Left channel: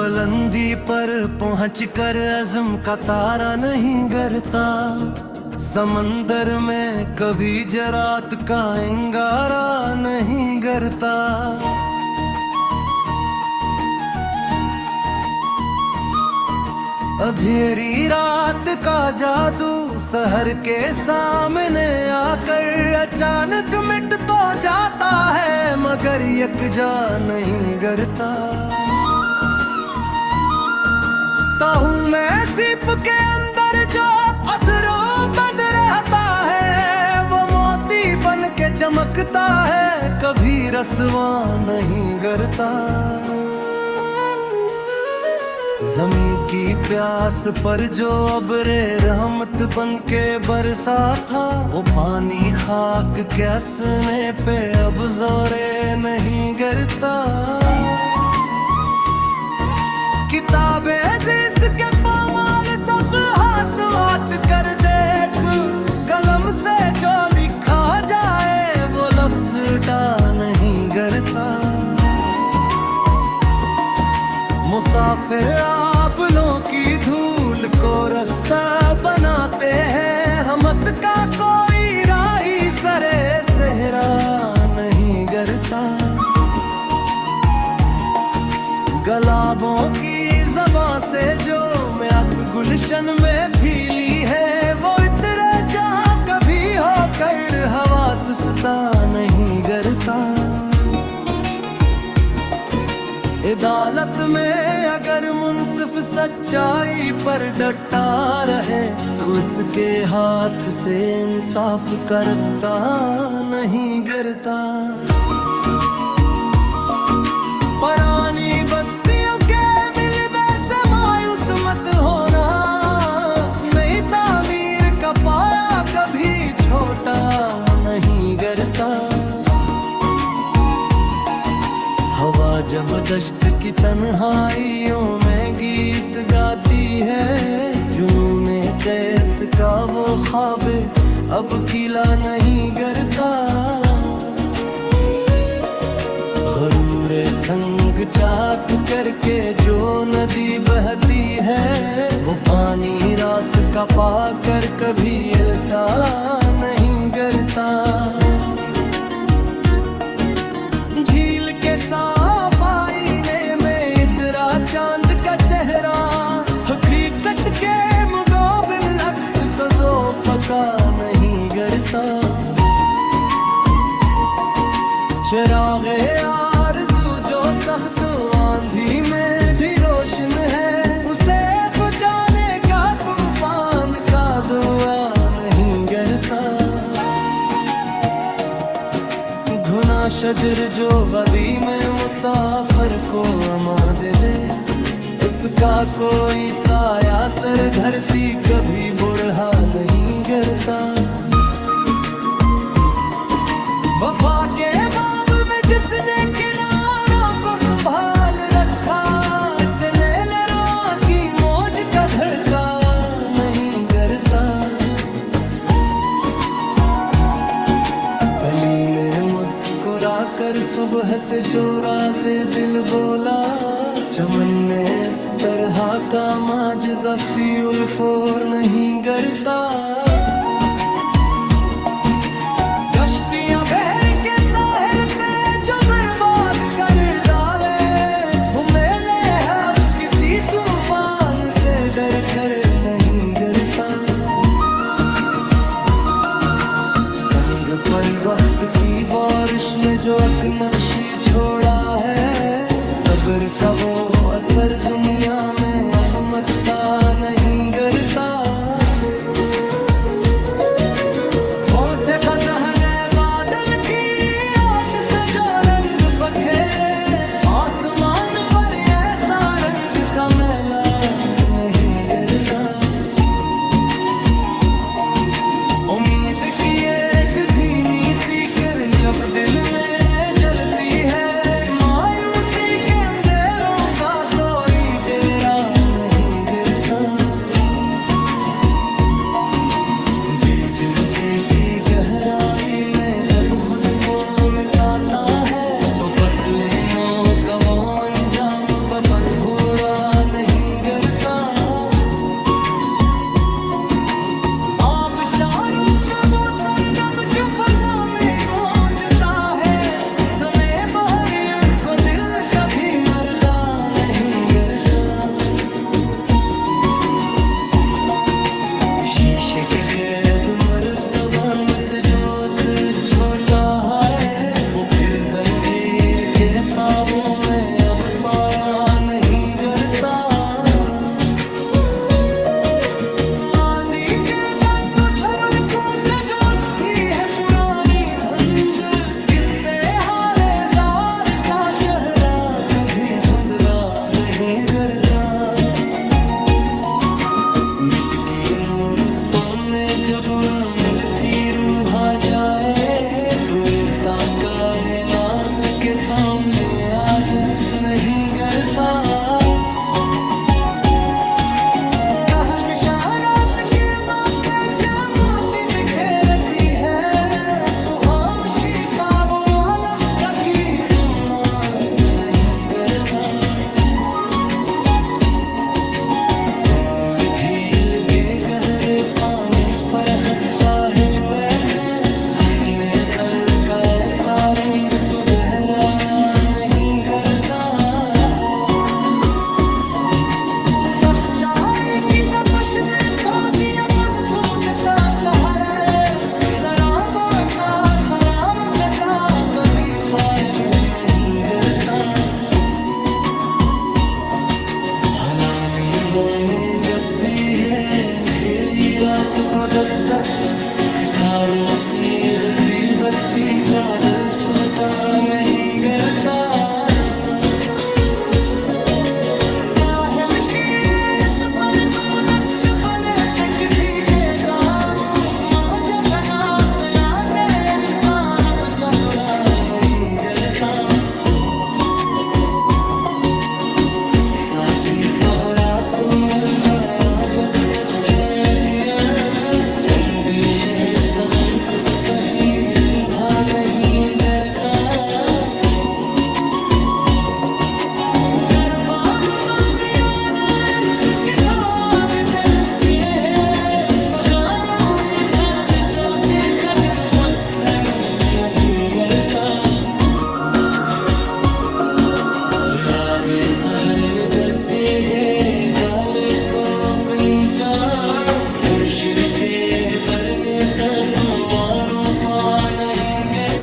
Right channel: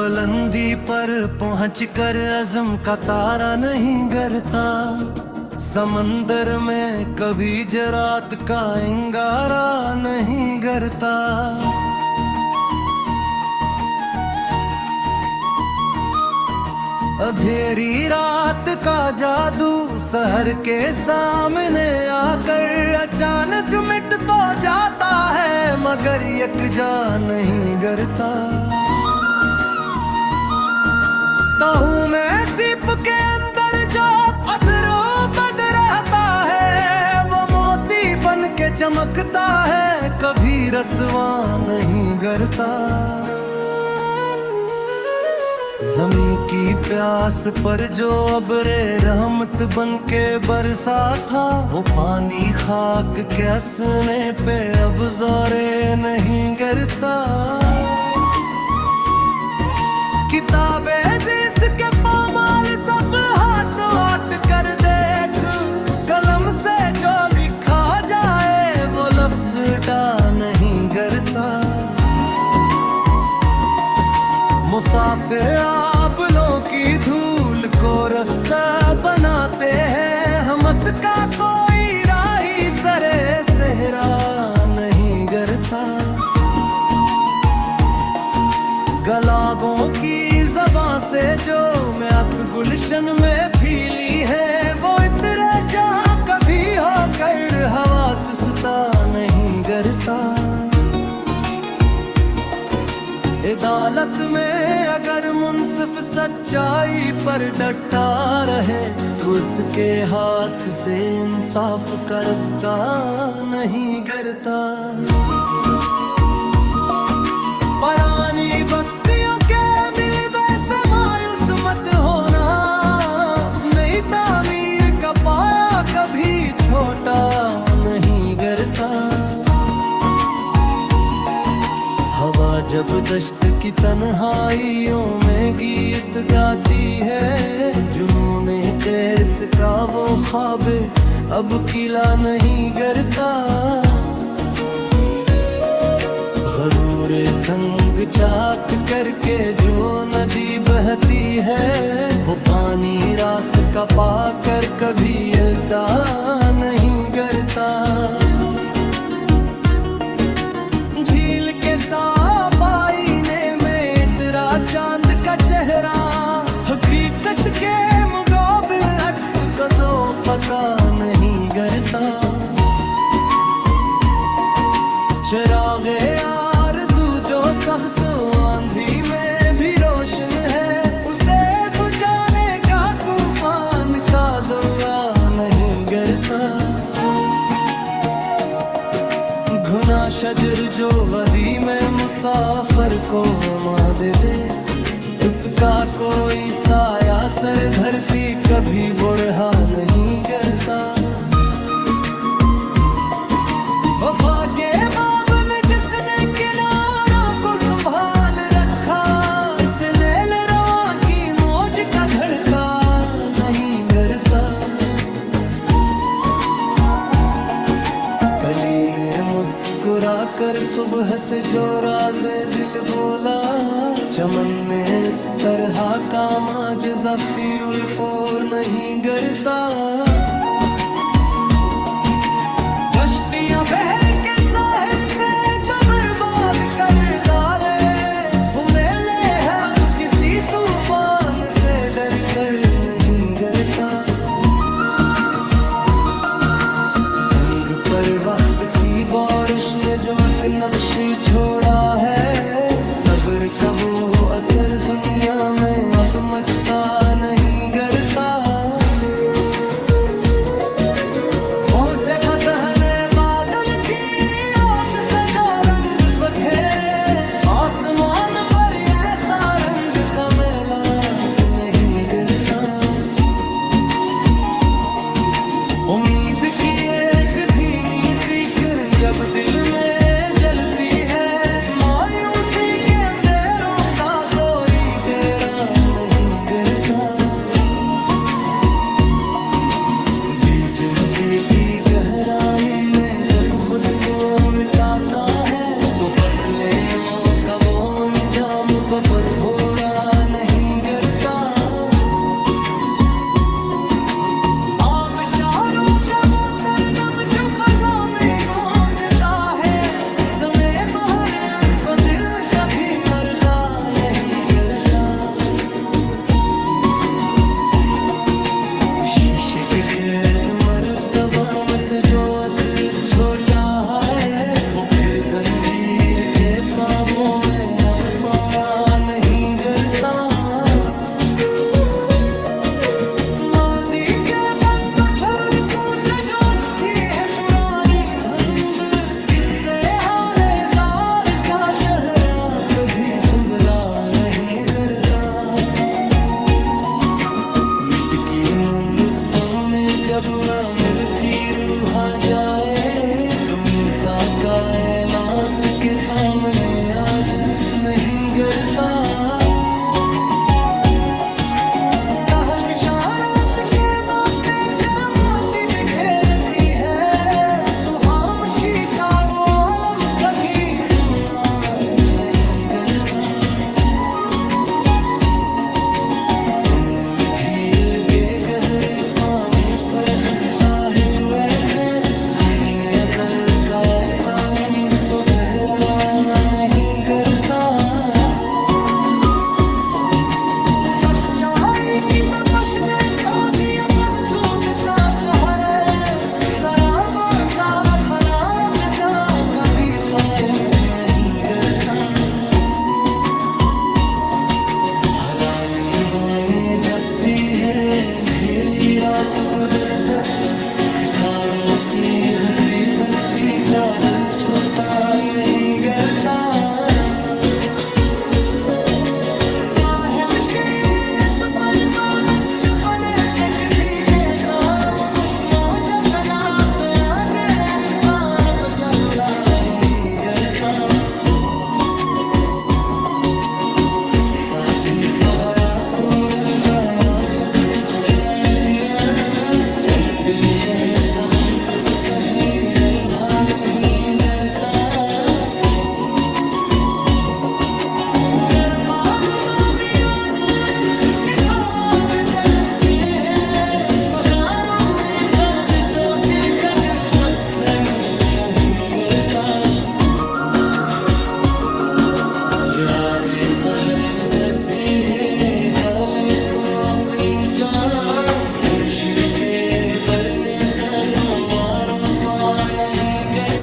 बुलंदी पर पहुंचकर अज़्म का तारा नहीं गिरता। समंदर में कभी जरात का अंगारा नहीं गिरता। अंधेरी रात का जादू शहर के सामने आकर अचानक मिट तो जाता है, मगर यकजा नहीं गिरता। तो हूँ मैं सीप के अंदर जो पत्थरों बंद रहता है, वो मोती बन के चमकता है, कभी रसवा नहीं गिरता। ज़मीं की प्यास पर जो अबरे रहमत बन के बरसा था, वो पानी खाक के हंसने पे अब जोरे नहीं गिरता। किताबे अज़ीज़ के पामाल सफ़हात वाट कर देख, कलम से जो लिखा जाए वो लफ्ज़ टा नहीं गिरता। मुसाफिर आबलों की धूल को रास्ता बनाते हैं, हमत का कोई राही सरे सहरा नहीं गिरता। गुलाबों की ज़बां से जो महक गुलशन में फीली है, वो इतरे जहाँ कभी होकर हवा सुस्ता नहीं गिरता। अदालत में अगर मुंसिफ सच्चाई पर डटा रहे, तो उसके हाथ से इंसाफ करता नहीं गिरता। पुरानी बस्तियों के मिलबे से मायूस मत होना, नई तामीर का पाया कभी छोटा नहीं गिरता। हवा जब दश्त की तन्हाइयों में गीत गाती है, जुनूने कैस का वो ख्वाबे अब किला नहीं गिरता। गरूरे संग चाक करके जो नदी बहती है, वो पानी रास का पाकर कभी उल्टा नहीं गिरता। झील के साफ आईने में इतरा चांद का चेहरा, हकीकत के मुकाबिल अक्स को जो पका नहीं गिरता। चिरागे आरज़ू जो सख्त आंधी में भी रोशन है, उसे बुझाने का तूफान का दुआ नहीं गिरता। घुना शजर जो वदी में मुसाफिर को अमा दे दे, उसका कोई साया सर धरती कभी बुरहा नहीं गिरता। वफा के बाब में जिसने किनारों को संभाल रखा, इसने लरवा की मौज का धड़का नहीं गिरता। कली ने मुस्कुरा कर सुबह से जो राज़े दिल बोला, चमन में इस तरह का माजज़ा फ़ी उल्फोर नहीं गिरता। कश्तियां बहर के साहिल पे जो बर्बाद कर डाले, मेले है अब किसी तूफान से डर कर नहीं गिरता। संग पर वक्त की बारिश ने जो एक नक्शी छोड़ा है, सब्र का वो असर दुनिया में अब मत्ता नहीं गिरता। वो से ज़हने बादल की ओट से जो रंग बखेरे, आसमान पर ऐसा रंग का मेला नहीं गिरता। उम्मीद की एक धीमी सी किरण जब दिल में जलती है, मायूसी के अंधेरों का कोई डेरा नहीं गिरता। बीच जिमती की गहराई में जब खुद को मिटाता है, तो फसलें नो का वो अंजाम बबधोरा नहीं गिरता। आबशारों का वो तरनम जो फजा में गूंजता है, सुने बहरे उसको दिल कभी मर्दा नहीं डरता। शीशे के कैद मर्तबरम से जो अत छोटा है, वो फिर जंजीर के काबू में अब पाया नहीं गिरता। माजी के बंद झरनकों से जो थी है पुरानी धुंध, इससे हाले जार का चेहरा कभी धुंधला नहीं करता। मिट की मूर्तों में जब अमल की रूह आ जाए, तो इंसान कायनात के सामने आजिज नहीं करता। कहकशारात के मापे क्या मोती बिखेरती है, तो खामोशी का वो आलम कभी सुना नहीं करता। झील के गहरे पानी पर हंसता है जो ऐसे, हंसने जल का ऐसा रंग तो गहरा नहीं करता। सच्चाई की तपश ने खो दिया पगझूठ का चेहरे, शराबों का फराक जा कभी पायल नहीं करता। भला में जब भी है अंधेरी रात को दस्तक, सितारों की हंसी बस्ती का दिल छूटा नहीं करता। साहिल के पर तो नक्श बने थे किसी के गाँव, मौज फना पे आ जाए इनका अब चहुरा नहीं करता। साकी सवरा तू मिल गया जब सच्चा दिया, बंदी शहद उनसफ कहीं अंधा नहीं करता। दरफाक बाबियाना इश्क की ख्वाब चलते हैं, मगारूरी सन जो गिर कद पत्थर नहीं करता। जिरावे सहर में जगती है जाले को अपनी जान, खुर्शीद के परने तसमानों पा नहीं गर।